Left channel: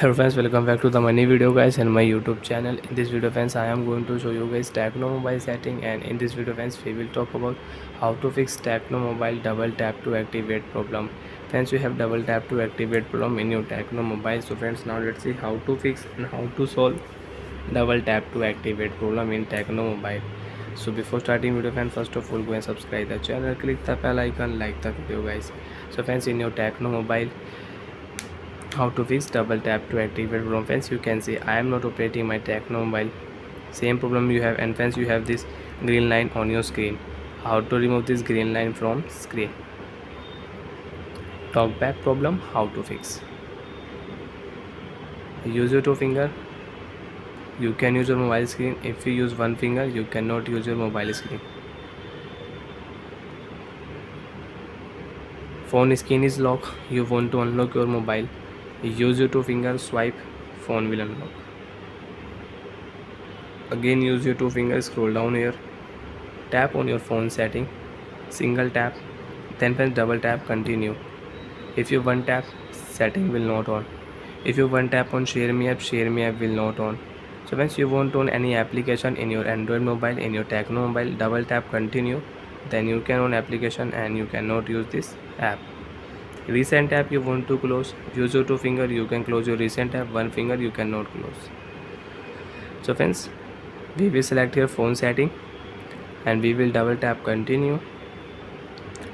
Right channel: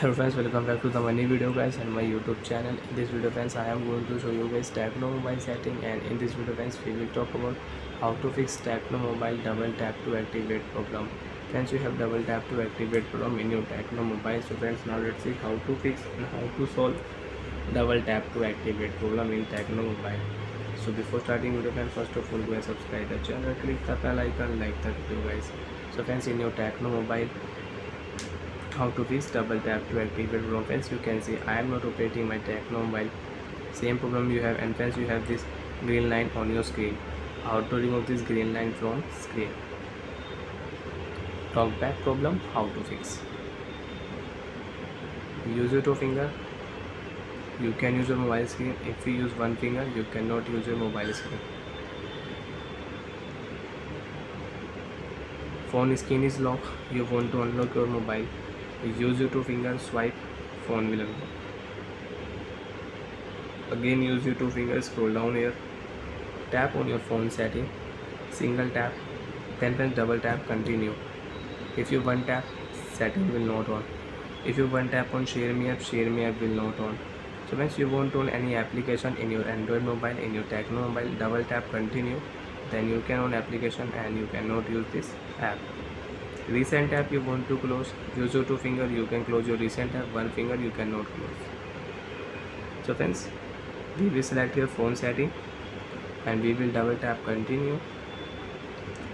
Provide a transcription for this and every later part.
Hello friends, welcome back to the money video guys and my YouTube channel. In this video friends, I am going to show you guys Tecno mobile setting, and in this video friends, we will talk about how to fix Tecno mobile double tap to activate problem. Friends, you have double tap to activate problem in your Tecno mobile. So friends, now let's see how to fix and how to solve double tap to activate problem in Tecno mobile. So before starting video friends, first of all go and subscribe the channel, click the bell icon, like the video guys. So friends, in your Tecno mobile, how to fix double tap to activate problem. Friends, you can see I am not operating my Tecno mobile. Same problem you have, and friends, you have this green line on your screen. How to remove this green line from screen? Talkback problem, how to fix? Use your two finger. You can use your mobile screen. If you use one finger, you cannot use your mobile screen. Phone screen is locked. You want to unlock your mobile. Use your two fingers, swipe, phone will unlock. Again use your two fingers, scroll down here, tap on your phone setting, single tap, then press double tap, continue. If you one tap, setting will not on. If you one tap on share me app will not on. So once you want on any application in your Android mobile, in your Tecno mobile, double tap continue, then you can on application and you cannot use this app. Recent app you want to close, use your two finger, you can close your recent app, one finger you cannot close. So friends, we will select your phone setting and we will double tap continue.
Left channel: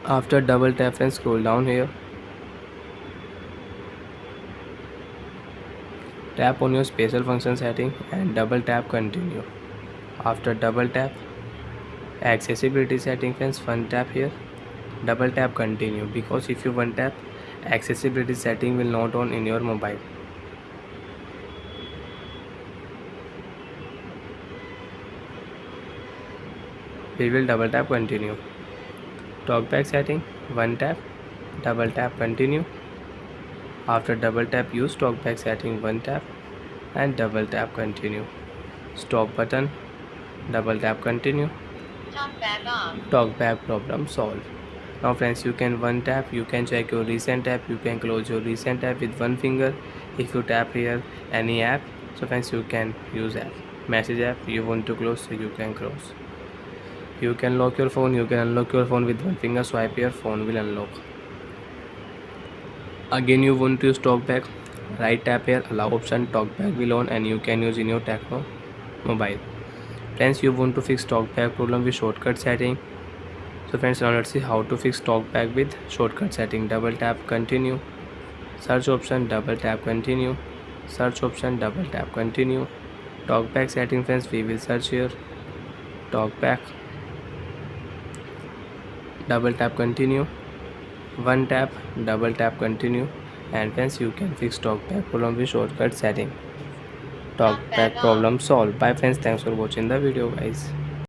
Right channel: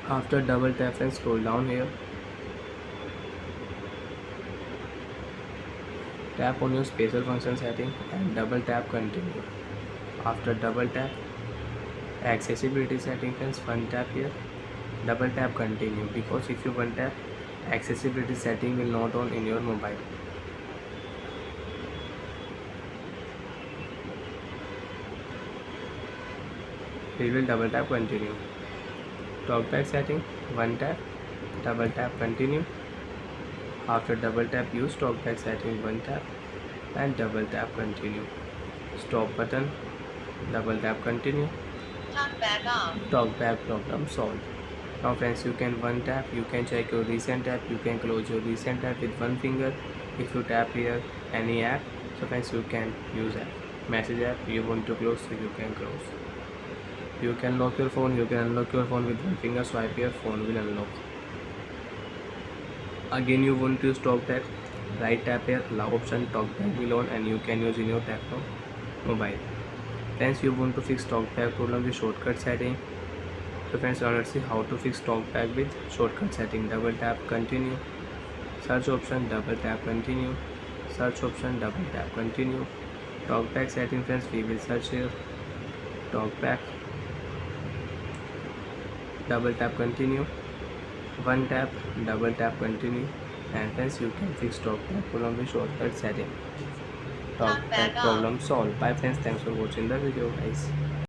After double tap friends, scroll down here, tap on your special function setting and double tap continue. After double tap, accessibility setting friends, one tap here, double tap continue, because if you one tap, accessibility setting will not on in your mobile. We will double tap continue. Talkback setting, one tap, double tap continue. After double tap, use talkback setting, one tap and double tap continue. Stop button, double tap continue. Talkback off. Talkback problem solved. Now friends, you can one tap, you can check your recent app, you can close your recent app with one finger. If you tap here any app, so friends, you can use app. Message app you want to close, so you can close. You can lock your phone, you can unlock your phone with one finger, swipe your phone will unlock. Again you want to use talkback, right tap here, allow option, talkback will on, and you can use in your Tecno mobile. Friends, you want to fix talkback problem with shortcut setting. So friends, now let's see how to fix talkback with shortcut setting. Double tap continue, search option, double tap continue, search option, double tap continue. Talkback setting friends, we will search here, talkback, double tap continue, one tap, double tap continue, and friends, you can fix talkback problem with shortcut setting. Talkback problem solved. Bye friends, thanks for watching the video guys.